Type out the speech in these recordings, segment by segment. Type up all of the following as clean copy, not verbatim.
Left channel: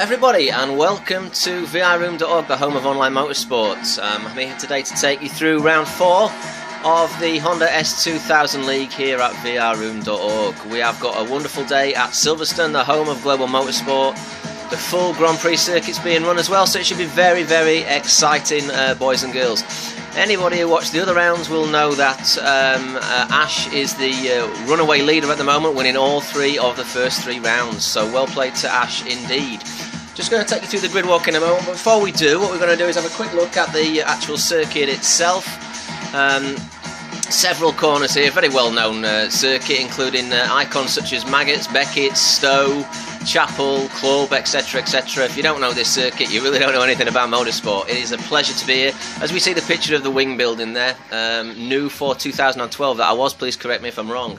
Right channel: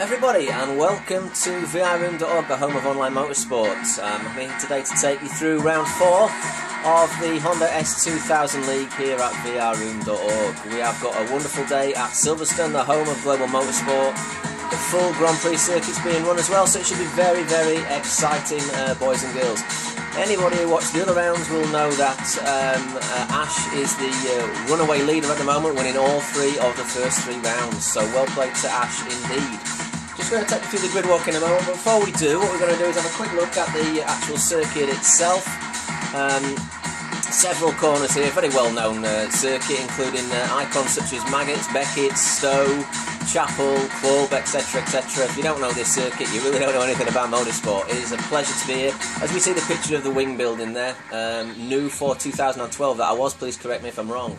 everybody, and welcome to vrroom.org, the home of online motorsports. I'm here today to take you through round 4 of the Honda S2000 League here at vrroom.org. We have got a wonderful day at Silverstone, the home of global motorsport. The full Grand Prix circuit's being run as well, so it should be very, very exciting, boys and girls. Anybody who watched the other rounds will know that Ash is the runaway leader at the moment, winning all 3 of the first 3 rounds. So well played to Ash indeed. Just going to take you through the grid walk in a moment, but before we do, what we're going to do is have a quick look at the actual circuit itself. Several corners here, very well known circuit, including icons such as Maggots, Beckett, Stowe, Chapel, Club, etc, etc. If you don't know this circuit, you really don't know anything about motorsport. It is a pleasure to be here. As we see the picture of the wing building there, new for 2012 that I was, please correct me if I'm wrong.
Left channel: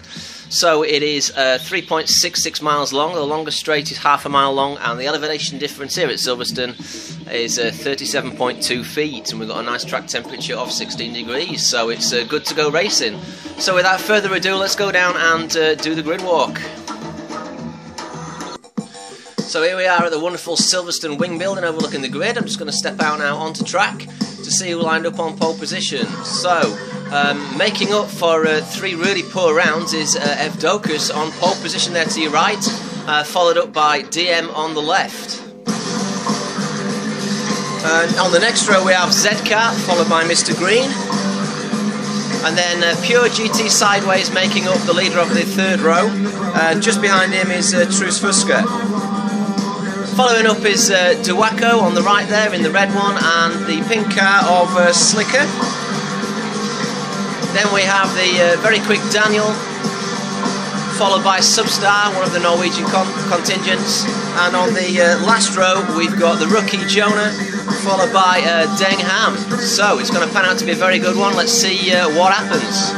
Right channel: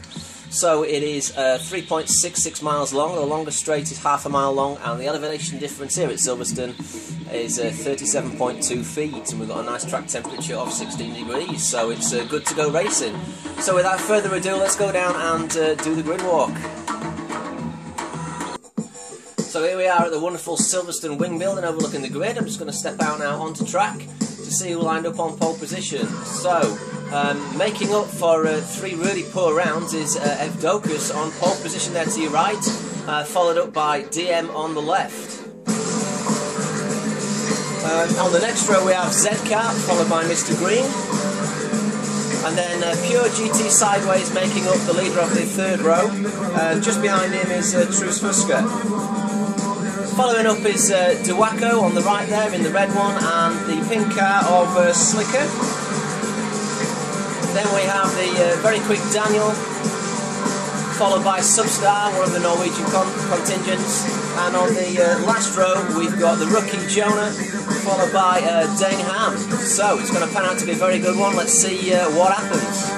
So it is 3.66 miles long, the longest straight is half a mile long, and the elevation difference here at Silverstone is 37.2 feet, and we've got a nice track temperature of 16 degrees, so it's good to go racing. So without further ado, let's go down and do the grid walk. So here we are at the wonderful Silverstone wing building overlooking the grid. I'm just going to step out now onto track to see who lined up on pole position. So, making up for 3 really poor rounds is Evdokus on pole position there to your right, followed up by DM on the left. On the next row we have Zcar, followed by Mr. Green. And then Pure GT sideways making up the leader of the 3rd row. Just behind him is Truus Fuska. Following up is Duwaco on the right there in the red one, and the pink car of Slicker. Then we have the very quick Daniel, followed by Substar, one of the Norwegian contingents. And on the last row we've got the rookie Jonah, followed by Deng Ham. So it's going to pan out to be a very good one. Let's see what happens.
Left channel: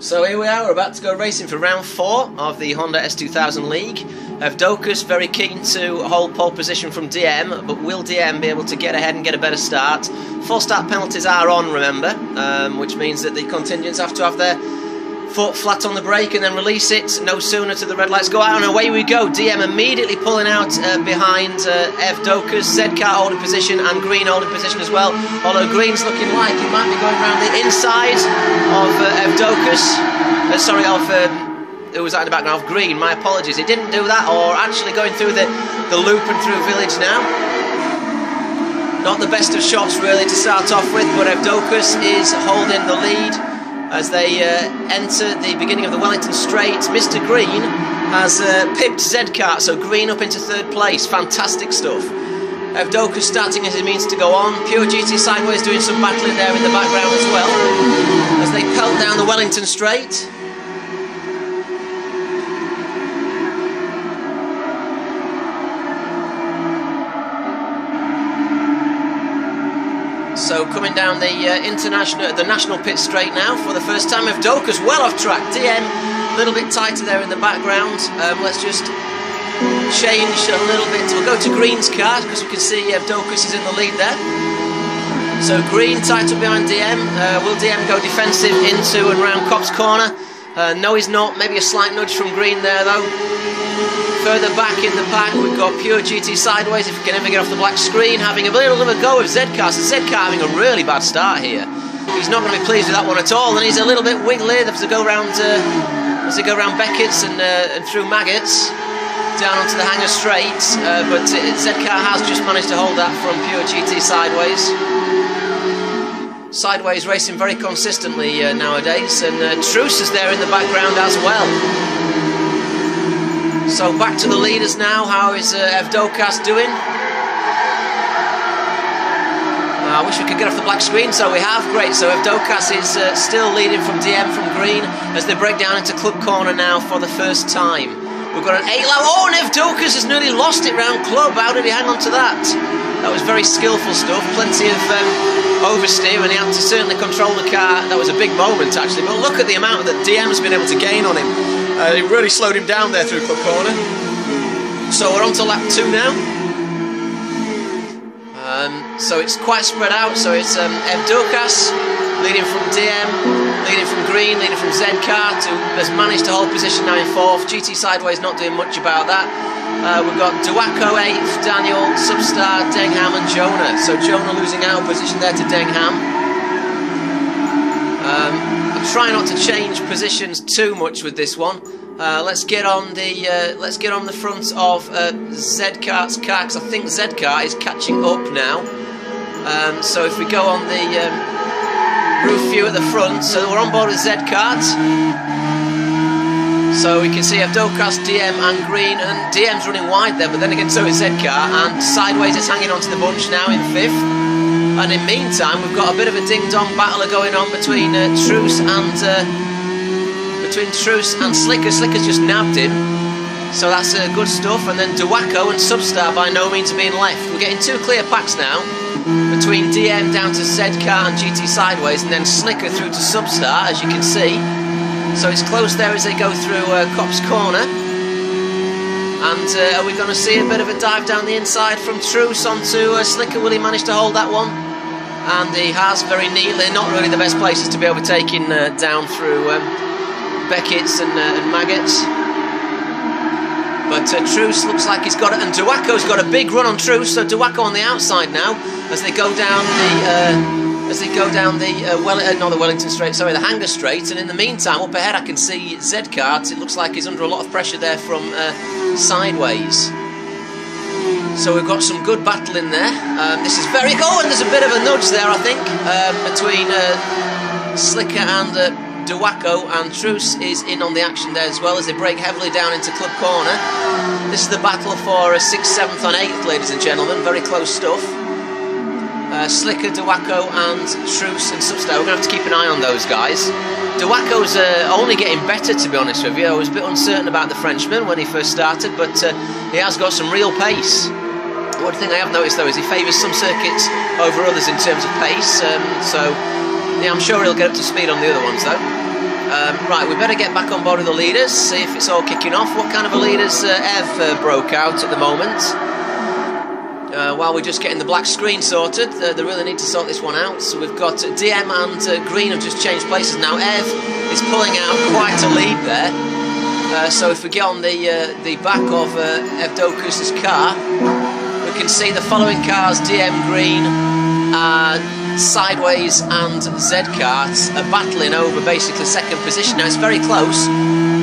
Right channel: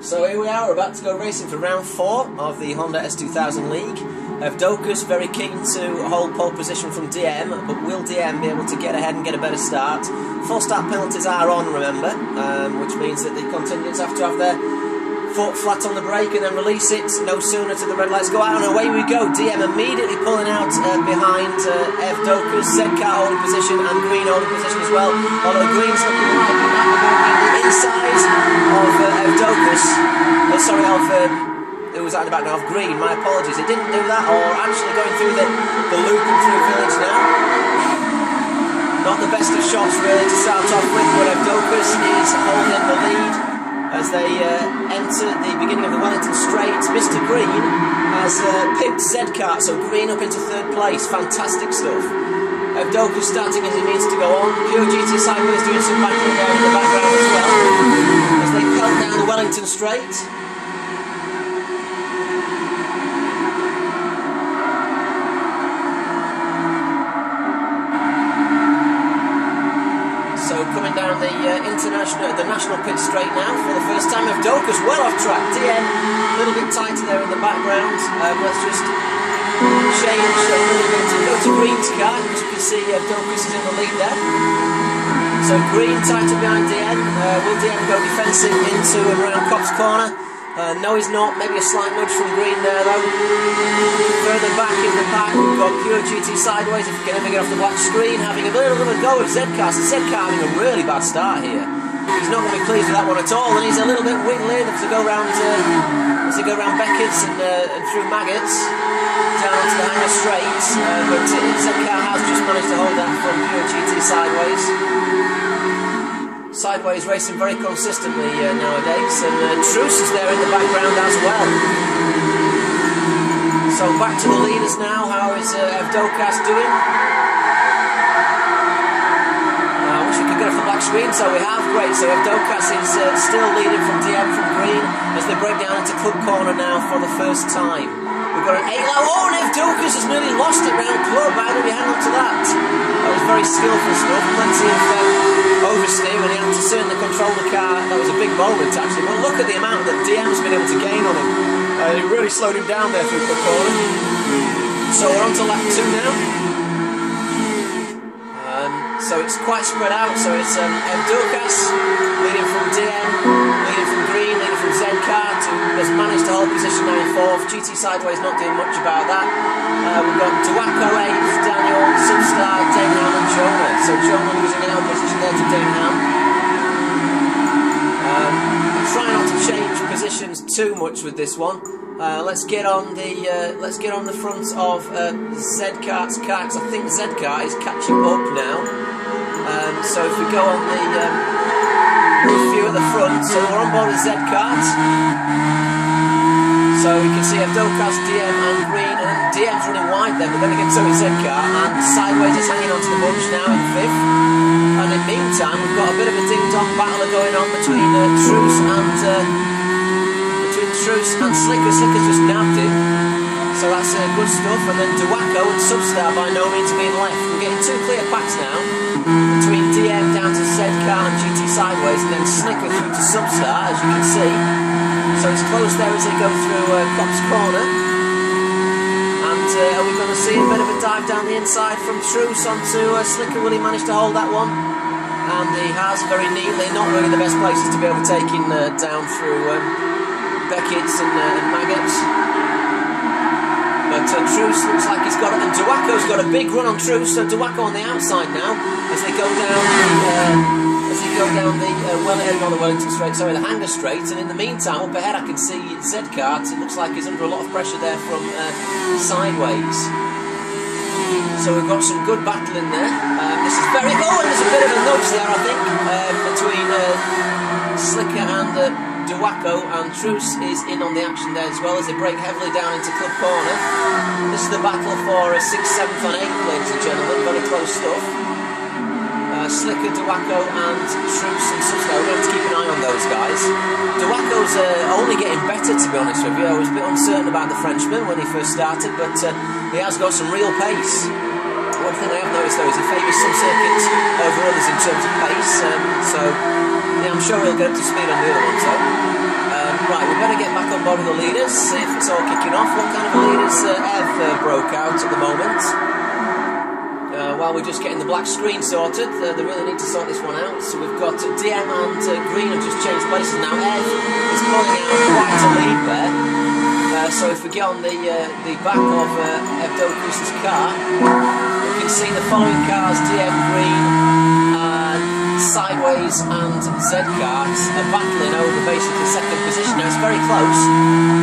So here we are, we're about to go racing for round 4 of the Honda S2000 League. Evdokus very keen to hold pole position from DM, but will DM be able to get ahead and get a better start? 4 start penalties are on, remember, which means that the contingents have to have their foot flat on the brake and then release it no sooner to the red lights go out, and away we go. DM immediately pulling out behind Evdokus, Zcar holding position and Green holding position as well, although Green's looking like he might be going around the inside of Evdokus, who was out in the background of Green, my apologies, he didn't do that, or actually going through the loop and through a village now. Not the best of shots really to start off with, but Evdokus is holding the lead as they enter the beginning of the Wellington Straight. Mr. Green has pipped Zcar, so Green up into 3rd place. Fantastic stuff. Evdokus starting as he means to go on. Pure GT sideways doing some battling there in the background as well, as they pelt down the Wellington Straight. So coming down the national pit straight now for the first time. Evdokus well off track. DM a little bit tighter there in the background. Let's just change a little bit. We'll go to Green's car because you can see Evdokus is in the lead there. So Green tight up behind DM. Will DM go defensive into and round Cop's corner? No, he's not. Maybe a slight nudge from Green there though. Further back in the pack we've got Pure GT sideways, if he can ever get off the black screen, having a little bit of a go with Zcar. So Zcar having a really bad start here. He's not going to be pleased with that one at all, and he's a little bit wiggly as they go around Beckett's and through Maggots down onto the Hangar Straight, but Zcar has just managed to hold that from Pure GT sideways. Sideways racing very consistently nowadays, and Truus is there in the background as well. So back to the leaders now. How is Evdokus doing? I wish we could get off the black screen, so we have. Great, so Evdokus is still leading from DM from Green as they break down into Club Corner now for the first time. We've got an 8-lap. Oh, and Evdokus has nearly lost it round Club. How did he hang on to that? That was very skillful stuff. Plenty of oversteer, and he had to certainly control the car. That was a big moment actually, but look at the amount that DM has been able to gain on him. He really slowed him down there through Club Corner. So we're on to lap 2 now. So it's quite spread out. So it's Evdokas leading from DM, leading from Green, leading from Zcart, who has managed to hold position now in 4th. GT Sideways not doing much about that. We've got Duaco 8th, Daniel, Substar, Dengham and Jonah. So Jonah losing out of position there to Dengham. Try not to change positions too much with this one. Let's get on the front of Zcart's car, because I think Zcart is catching up now. So if we go on the roof view at the front, so we're on board with Zcart. So we can see Evdokas, DM and Green, and DM's running wide there, but then again so is Zcart, and Sideways is hanging onto the bunch now in 5th. And in the meantime, we've got a bit of a ding-dong battle going on between Truce and Slicker. Slicker's just nabbed him, so that's good stuff. And then Duaco and Substar by no means being left. We're getting 2 clear packs now between DM down to Zcart and GT Sideways, and then Slicker through to Substar, as you can see. So it's close there as they go through Cop's Corner. And are we going to see a bit of a dive down the inside from Truce onto Slicker? Will he manage to hold that one? And he has very neatly. Not really the best places to be overtaken down through Beckett's and Maggots. But Truce looks like he's got it, and Duaco's got a big run on Truce. So Duaco on the outside now as they go down the Wellington Straight, sorry, the Hanger Straight. And in the meantime, up ahead I can see Zcart. It looks like he's under a lot of pressure there from Sideways. So we've got some good battle in there. This is very... Oh, and there's a bit of a nudge there, I think, between Slicker and Duaco, and Truce is in on the action there as well as they break heavily down into Club Corner. This is the battle for 6th, 7th and 8th, ladies and gentlemen. Very close stuff. Slicker, Duaco and Truce and Substar. We're going to have to keep an eye on those guys. Duaco's only getting better, to be honest with you. I was a bit uncertain about the Frenchman when he first started, but he has got some real pace. One thing I have noticed though is he favours some circuits over others in terms of pace, so yeah, I'm sure he'll get up to speed on the other ones though. Right, we better get back on board with the leaders, see if it's all kicking off. What kind of a leaders Ev broke out at the moment? While we're just getting the black screen sorted, they really need to sort this one out. So we've got DM and Green have just changed places now. Ev is pulling out quite a lead there. So if we get on the back of Evdokas' car, we can see the following cars: DM, Green, Sideways and Zcart are battling over basically 2nd position. Now it's very close.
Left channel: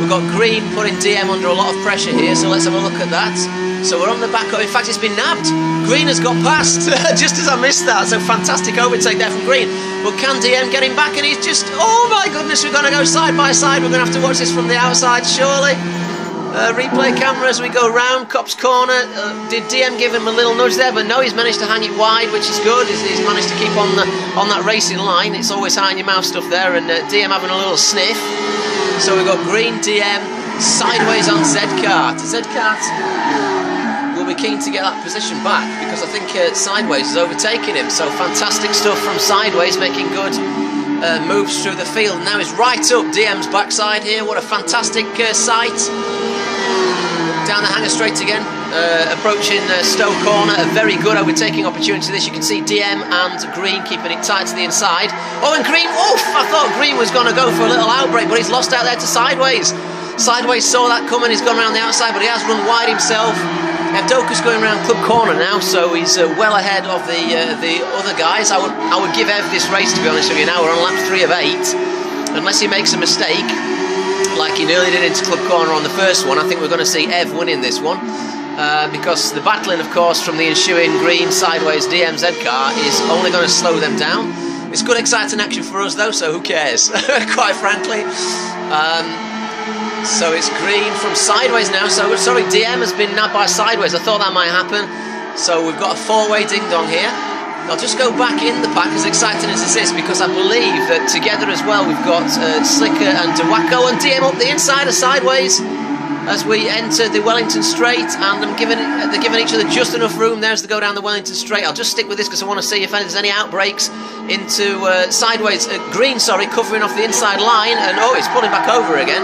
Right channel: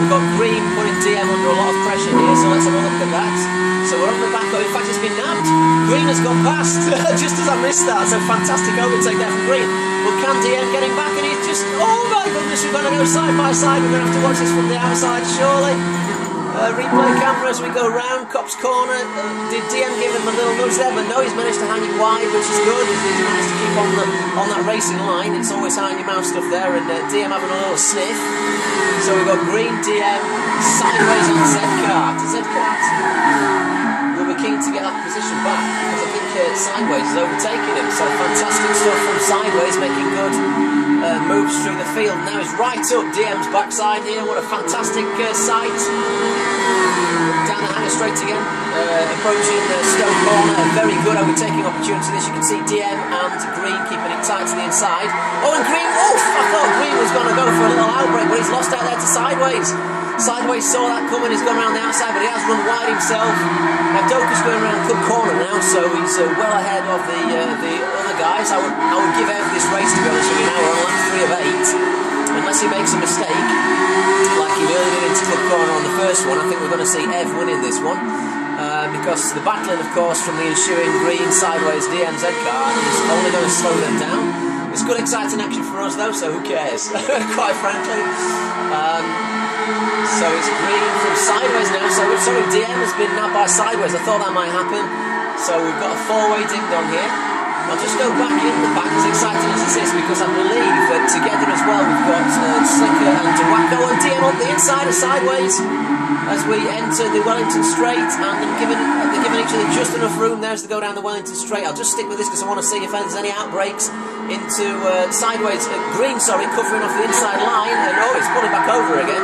We've got Green putting DM under a lot of pressure here, so let's have a look at that. So we're on the back of, in fact it's been nabbed. Green has got past, just as I missed that. So fantastic overtake there from Green. But can DM get him back? And he's just, oh my goodness, we're going to go side by side. We're going to have to watch this from the outside, surely. Replay camera as we go round Cop's Corner. Did DM give him a little nudge there? But no, he's managed to hang it wide, which is good. He's managed to keep on that racing line. It's always high in your mouth stuff there, and DM having a little sniff. So we've got Green, DM, Sideways on Zcart. Zcart will be keen to get that position back because I think Sideways is overtaking him. So fantastic stuff from Sideways, making good moves through the field. Now he's right up DM's backside here. What a fantastic sight. Down the Hanger Straight again, approaching Stowe Corner. A very good overtaking opportunity this. You can see DM and Green keeping it tight to the inside. Oh, and Green, oof, I thought Green was going to go for a little outbreak, but he's lost out there to Sideways. Sideways saw that coming, he's gone around the outside, but he has run wide himself. Evdokas going around Club Corner now, so he's well ahead of the other guys. I would give Ev this race, to be honest with you. Now we're on lap 3 of 8, unless he makes a mistake like he nearly did into Club Corner on the first one. I think we're going to see Ev winning this one, because the battling, of course, from the ensuing Green, Sideways, DM, Zcart is only going to slow them down. It's good, exciting action for us, though, so who cares, quite frankly. So it's Green from Sideways now. So sorry, DM has been nabbed by Sideways. I thought that might happen. So we've got a 4-way ding-dong here. I'll just go back in the pack, as exciting as this is, because I believe that together as well we've got Slicker and Duaco and DM up the inside of Sideways as we enter the Wellington Straight, and they're giving each other just enough room there as they go down the Wellington Straight. I'll just stick with this because I want to see if there's any outbreaks into Sideways. Green, sorry, covering off the inside line, and oh, it's pulling back over again.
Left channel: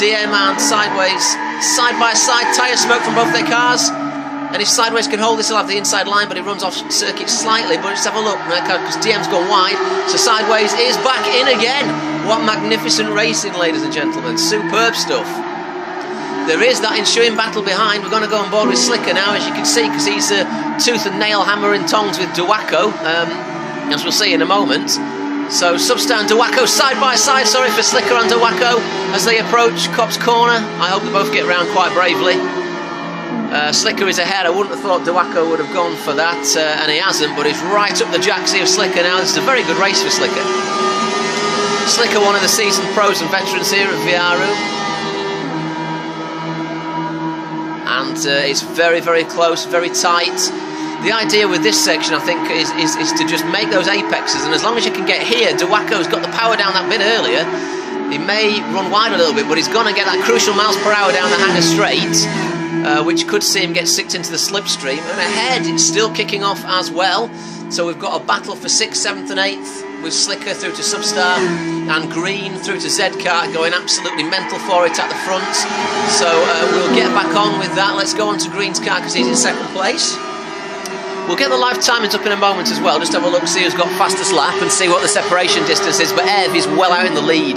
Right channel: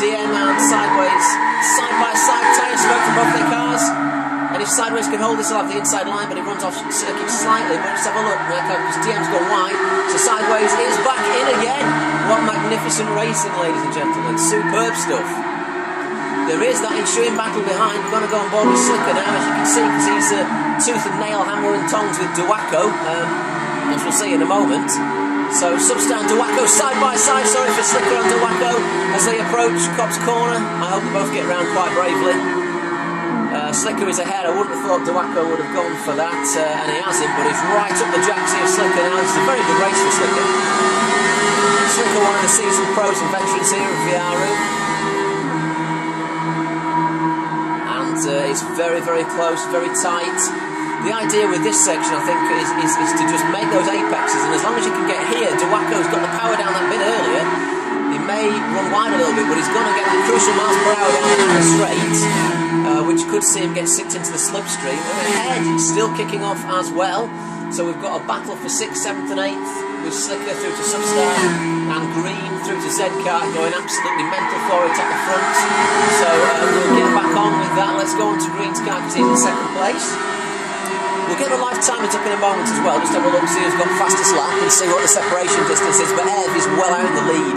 DM and Sideways side by side, tyre smoke from both their cars. And if Sideways can hold this, he'll have the inside line, but he runs off circuit slightly. But just have a look, because DM's gone wide. So Sideways is back in again. What magnificent racing, ladies and gentlemen. Superb stuff. There is that ensuing battle behind. We're going to go on board with Slicker now, as you can see, because he's tooth and nail, hammer and tongs with Duaco, as we'll see in a moment. So Substar and Duaco side by side, sorry, for Slicker and Duaco as they approach Copse Corner. I hope they both get round quite bravely. Slicker is ahead. I wouldn't have thought Duaco would have gone for that, and he hasn't, but he's right up the jacksie of Slicker now. This is a very good race for Slicker. Slicker, one of the seasoned pros and veterans here at Viaru. And it's very, very close, very tight. The idea with this section, I think, is to just make those apexes, and as long as you can get here, Duaco's got the power down that bit earlier. He may run wide a little bit, but he's going to get that crucial miles per hour down the Hangar Straight, which could see him get sicked into the slipstream. And ahead, it's still kicking off as well. So we've got a battle for 6th, 7th and 8th, with Slicker through to Substar and Green through to Zcart, going absolutely mental for it at the front. So we'll get back on with that. Let's go on to Green's car because he's in 2nd place. We'll get the live timings up in a moment as well, just have a look, see who's got fastest lap and see what the separation distance is, but Ev is well out in the lead.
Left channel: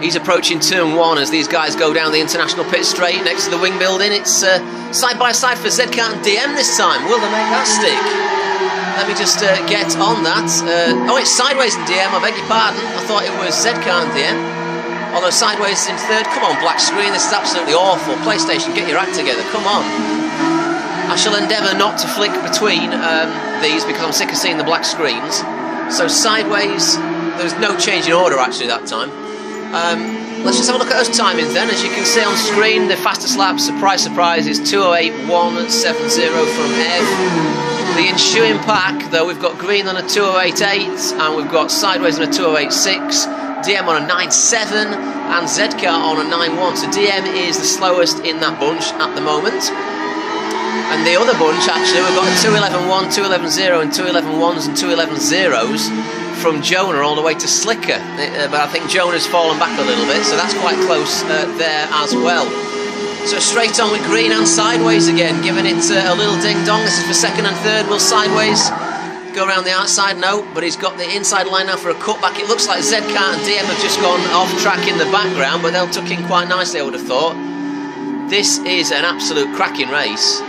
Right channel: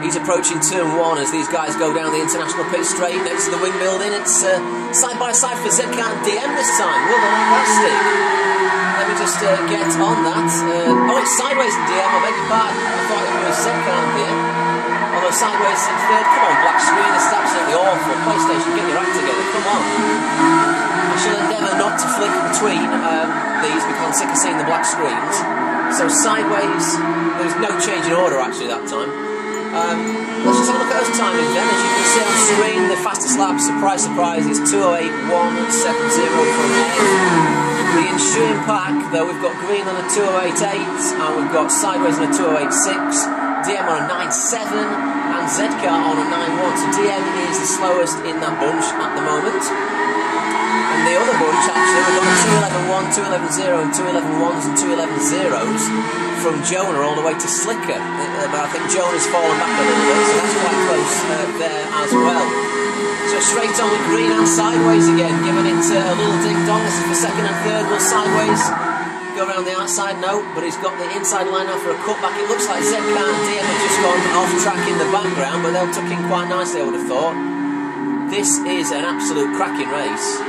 He's approaching turn 1 as these guys go down the international pit straight next to the wing building. It's side by side for Zcart and DM this time. Will they make that stick? Let me just get on that. Oh, it's Sideways and DM, I beg your pardon. I thought it was Zcart and DM. Although Sideways in 3rd. Come on, black screen, this is absolutely awful. PlayStation, get your act together, come on. I shall endeavour not to flick between these because I'm sick of seeing the black screens. So Sideways, there's no change in order actually that time. Let's just have a look at those timings then. As you can see on screen, the fastest lap, surprise, surprise, is 2:08.170 from Ev. The ensuing pack, though, we've got Green on a 2:08.8 and we've got Sideways on a 2:08.6, DM on a 9.7 and Zcart on a 9.1. So DM is the slowest in that bunch at the moment. And the other bunch, actually, we've got 2:11.1, 2:11.0 and 2:11.1s and 2:11.0s from Jonah all the way to Slicker. But I think Jonah's fallen back a little bit, so that's quite close there as well. So straight on with Green and Sideways again, giving it a little ding-dong. This is for 2nd and 3rd. Will Sideways go around the outside? No, but he's got the inside line now for a cutback. It looks like Zcart and DM have just gone off track in the background, but they'll tuck in quite nicely, I would have thought. This is an absolute cracking race.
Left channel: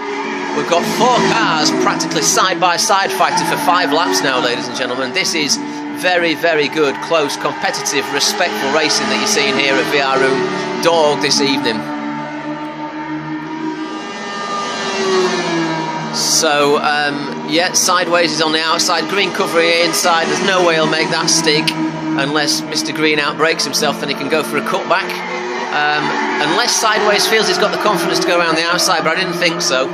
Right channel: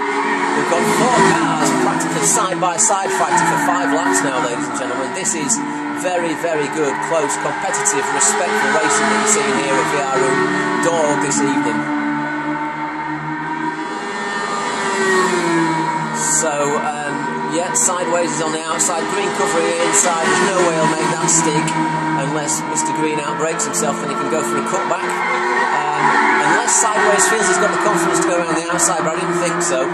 We've got 4 cars practically side by side fighting for 5 laps now, ladies and gentlemen. This is very, very good, close, competitive, respectful racing that you're seeing here at Viaru Dog this evening. So, yeah, Sideways is on the outside, Green covering inside. There's no way he'll make that stick unless Mr. Green outbreaks himself, then he can go for a cutback. Unless Sideways feels he's got the confidence to go around the outside, but I didn't think so.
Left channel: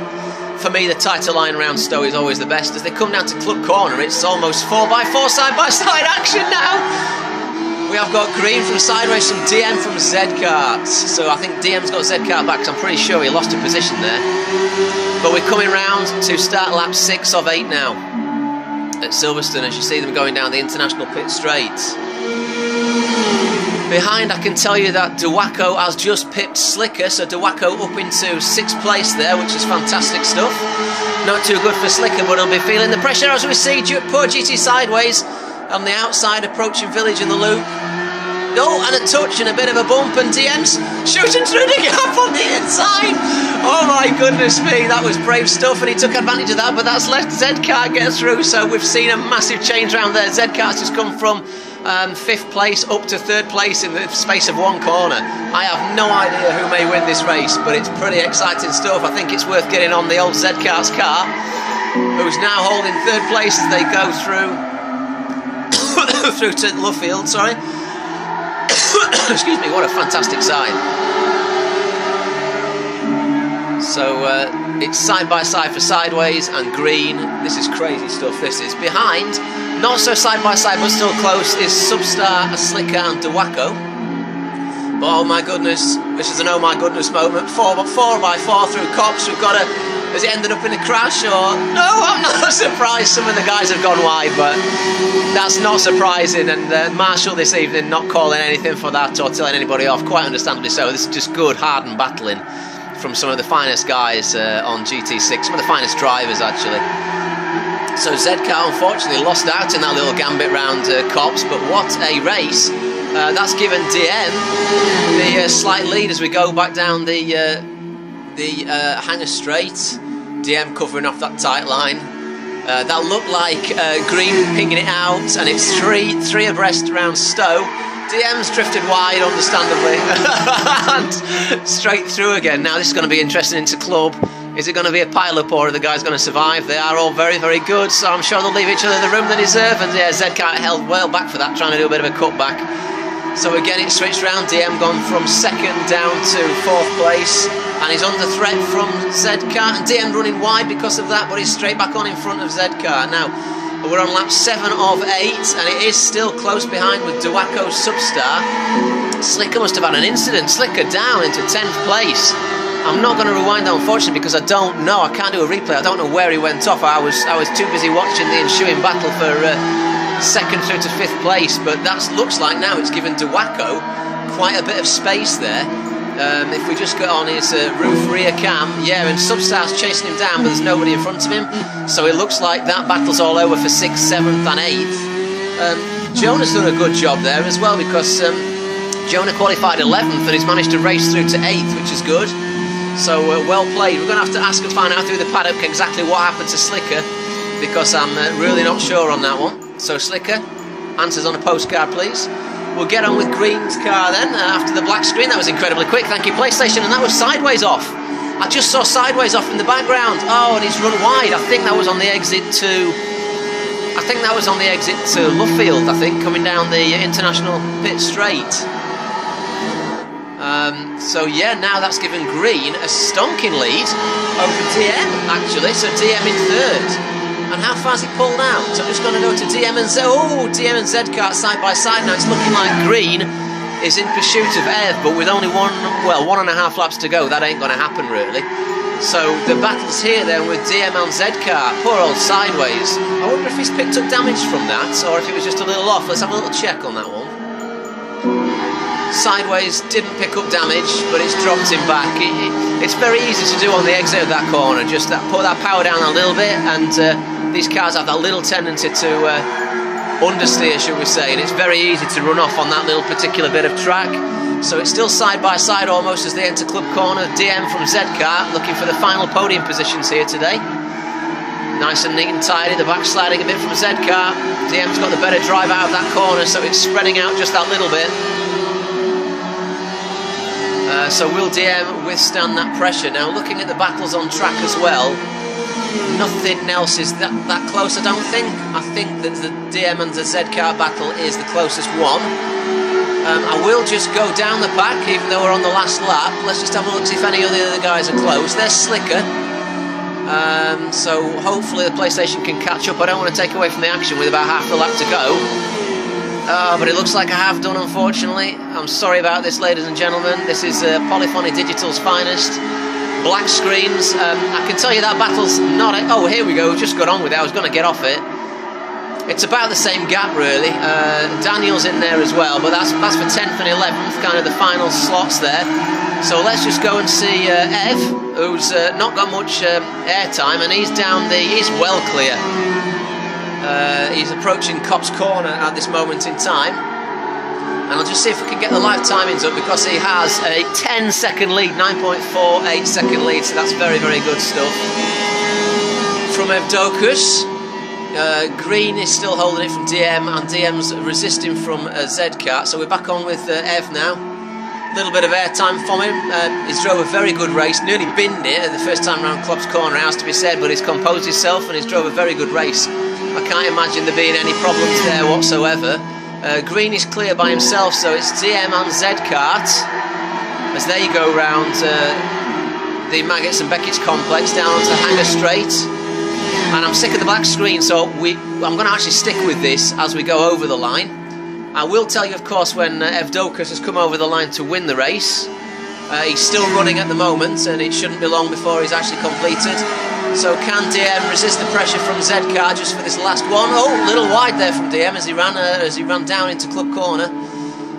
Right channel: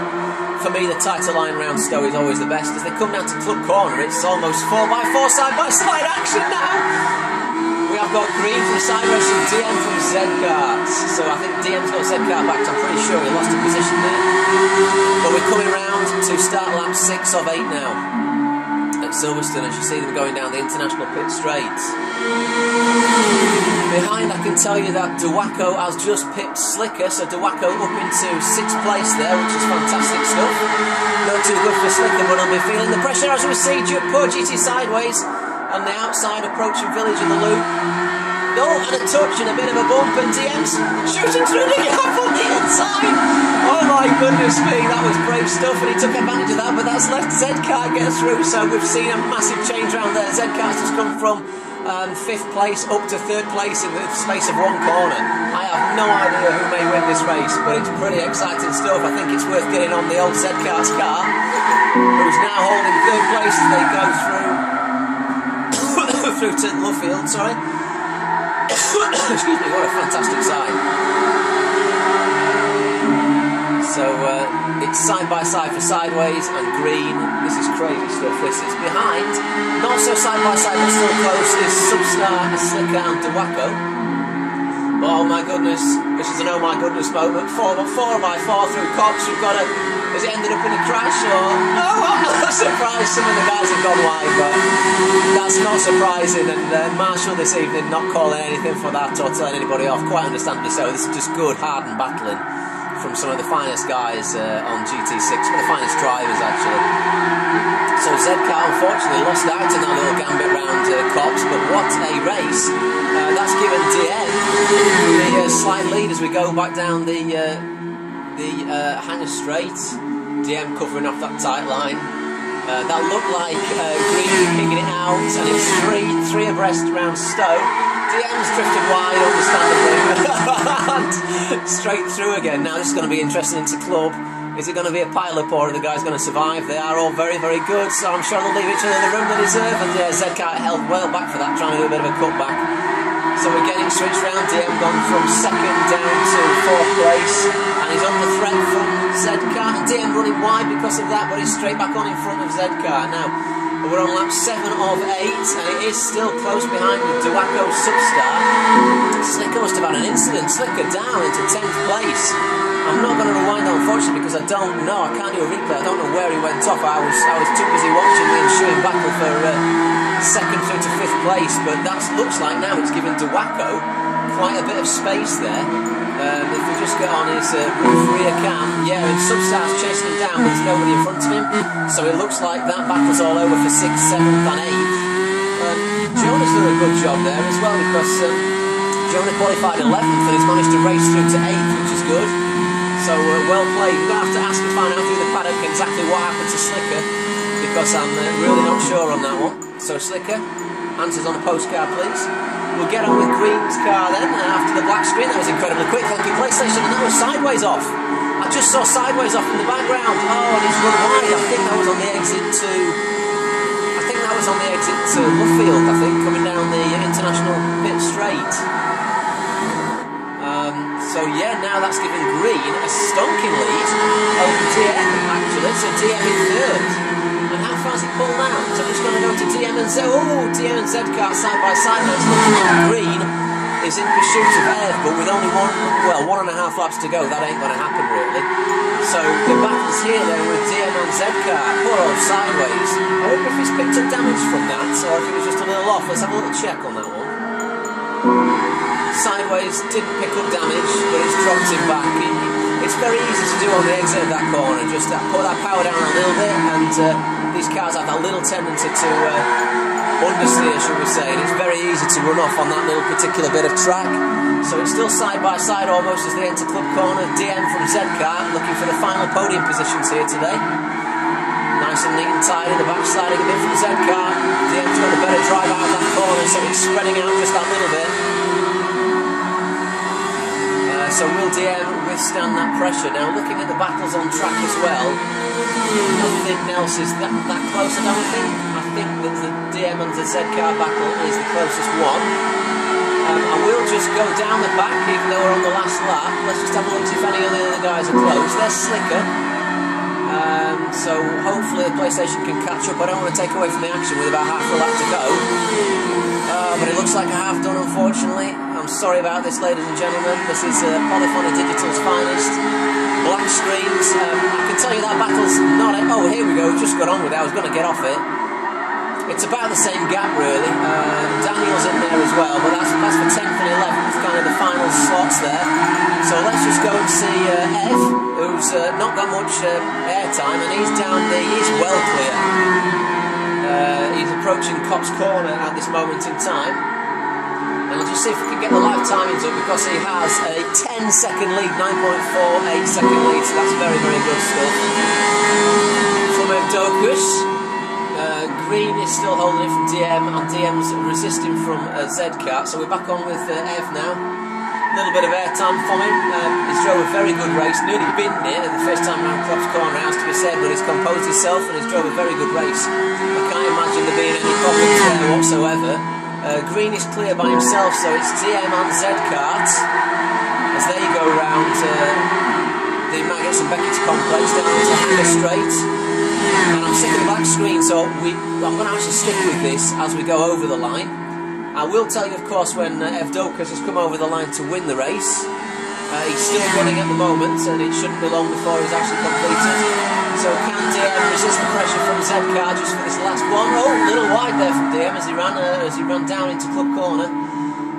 For me, the tighter line round Stowe is always the best. As they come down to Club Corner, it's almost 4x4 side-by-side action now. We have got Green from Sideways, from DM from Zcart. So I think DM's got Zcart back, because I'm pretty sure he lost a position there. But we're coming round to start lap 6 of 8 now at Silverstone, as you see them going down the international pit straight. Behind, I can tell you that Duaco has just pipped Slicker, so Duaco up into 6th place there, which is fantastic stuff. Not too good for Slicker, but he'll be feeling the pressure as we see poor GT Sideways on the outside approaching Village in the loop. Oh, and a touch and a bit of a bump, and DM's shooting through the gap on the inside. Oh my goodness me, that was brave stuff, and he took advantage of that, but that's let Zcart get through, so we've seen a massive change around there. Zcart's just come from 5th place up to 3rd place in the space of 1 corner. I have no idea who may win this race, but it's pretty exciting stuff. I think it's worth getting on the old Zcart's car, who's now holding 3rd place as they go through through to Luffield, sorry. Excuse me, what a fantastic sign. So it's side by side for Sideways and Green. This is crazy stuff, this is. Behind, not so side by side but still close, is Substar, Slicker and Duaco. But oh my goodness, this is an oh my goodness moment. 4x4 through Copse. We've got a... Has it ended up in a crash or... No, I'm not surprised. Some of the guys have gone wide, but that's not surprising. And Marshall this evening not calling anything for that or telling anybody off, quite understandably so. This is just good, hardened battling from some of the finest guys on Gt6, some of the finest drivers actually. So Zcar unfortunately lost out in that little gambit round Copse, but what a race. That's given DM the slight lead as we go back down the Hanger Straight. DM covering off that tight line. That looked like Green pinging it out, and it's three abreast around Stowe. DM's drifted wide, understandably, and straight through again. Now this is going to be interesting into club. Is it going to be a pile-up, or are the guys going to survive? They are all very, very good, so I'm sure they'll leave each other the room they deserve. And yeah, Zcar held well back for that, trying to do a bit of a cutback. So again, it's switched round. DM gone from 2nd down to 4th place, and he's under threat from Zcar. And DM running wide because of that, but he's straight back on in front of Zcar. Now, we're on lap 7 of 8, and it is still close behind with Duaco Substar. Slicker must have had an incident. Slicker down into 10th place. I'm not going to rewind that, unfortunately, because I don't know. I can't do a replay. I don't know where he went off. I was too busy watching the ensuing battle for 2nd through to 5th place. But that looks like now it's given Duaco quite a bit of space there. If we just go on his roof rear cam, yeah, and Substar's chasing him down, but there's nobody in front of him. So it looks like that battle's all over for 6th, 7th, and 8th. Jonah's done a good job there as well, because Jonah qualified 11th, and he's managed to race through to 8th, which is good. So well played. We're going to have to ask and find out through the paddock exactly what happened to Slicker, because I'm really not sure on that one. So Slicker, answers on a postcard please. We'll get on with Green's car then, after the black screen. That was incredibly quick, thank you PlayStation, and that was Sideways off. I just saw Sideways off in the background. Oh, and he's run wide. I think that was on the exit to... Luffield, I think, coming down the International Pit Straight. So yeah, now that's given Green a stonking lead over DM, actually. So DM in 3rd. And how far's he pulled out? So I'm just going to go to DM and Z. Oh, DM and Zcar side by side now. It's looking like Green is in pursuit of Ev, but with only 1.5 laps to go, that ain't going to happen really. So the battle's here then with DM and Zcar. Poor old Sideways. I wonder if he's picked up damage from that, or if it was just a little off. Let's have a little check on that one. Sideways didn't pick up damage, but it's dropped him back. It's very easy to do on the exit of that corner, just put that power down a little bit, and these cars have that little tendency to understeer, should we say, and it's very easy to run off on that little particular bit of track. So it's still side by side almost as they enter club corner. DM from Zcar looking for the final podium positions here today. Nice and neat and tidy, the back sliding a bit from Zcar. DM's got the better drive out of that corner, so it's spreading out just that little bit. So will DM withstand that pressure? Now looking at the battles on track as well, nothing else is that close, I don't think. I think that the DM and the Zcar battle is the closest one. I will just go down the back, even though we're on the last lap. Let's just have a look, see if any of the other guys are close. There's Slicker. So hopefully the PlayStation can catch up. I don't want to take away from the action with about half a lap to go. But it looks like I have done, unfortunately. I'm sorry about this, ladies and gentlemen. This is Polyphony Digital's finest. Black screens. I can tell you that battle's not... Oh, here we go. Just got on with it. I was going to get off it. It's about the same gap, really. Daniel's in there as well, but that's for 10th and 11th, kind of the final slots there. So let's just go and see Ev, who's not got much airtime, and he's down the... He's well clear. He's approaching Copse Corner at this moment in time, and I'll just see if we can get the live timings up, because he has a 10-second lead, 9.48 second lead, so that's very, very good stuff from Evdokus. Green is still holding it from DM, and DM's resisting from Zcar, so we're back on with Ev now. A little bit of airtime from him. He's drove a very good race, nearly binned it the first time around Copse Corner, it has to be said, but he's composed himself and he's drove a very good race. I can't imagine there being any problems there whatsoever. Green is clear by himself, so it's DM and Zcar as they go round the Maggots and Beckett's complex down onto Hanger Straight. And I'm sick of the black screen, so I'm going to actually stick with this as we go over the line. I will tell you, of course, when Evdokus has come over the line to win the race. He's still running at the moment, and it shouldn't be long before he's actually completed. So can DM resist the pressure from Zcar just for this last one? Oh, a little wide there from DM as he ran down into club corner.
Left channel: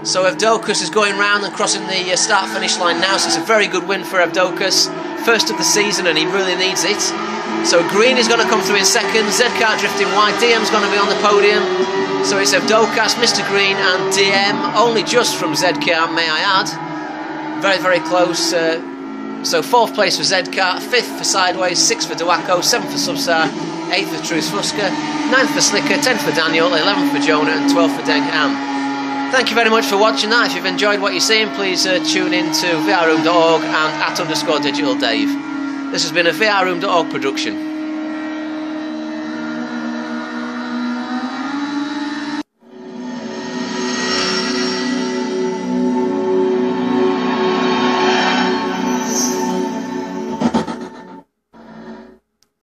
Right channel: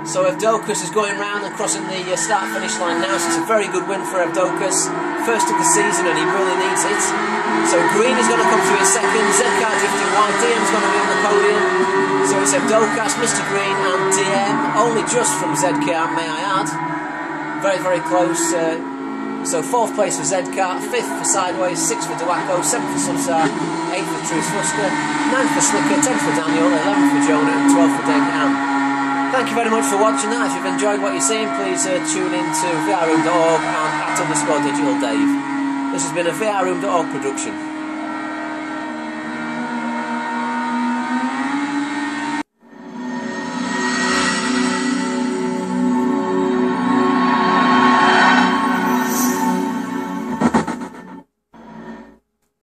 So Evdokus is going round and crossing the start-finish line now, so it's a very good win for Evdokus. first of the season, and he really needs it. So Green is going to come through in second, Z-Car drifting wide, DM's going to be on the podium. So it's Evdokas, Mr. Green and DM, only just from Z-Car, may I add. Very, very close. So 4th place for Z-Car, 5th for Sideways, 6th for Dewacko, 7th for Subsar, 8th for Truth Fusker, 9th for Slicker, 10th for Daniel, 11th for Jonah and 12th for Deng Am. Thank you very much for watching that. If you've enjoyed what you're seeing, please tune in to vrroom.org and @_digitaldave. This has been a vrroom.org production.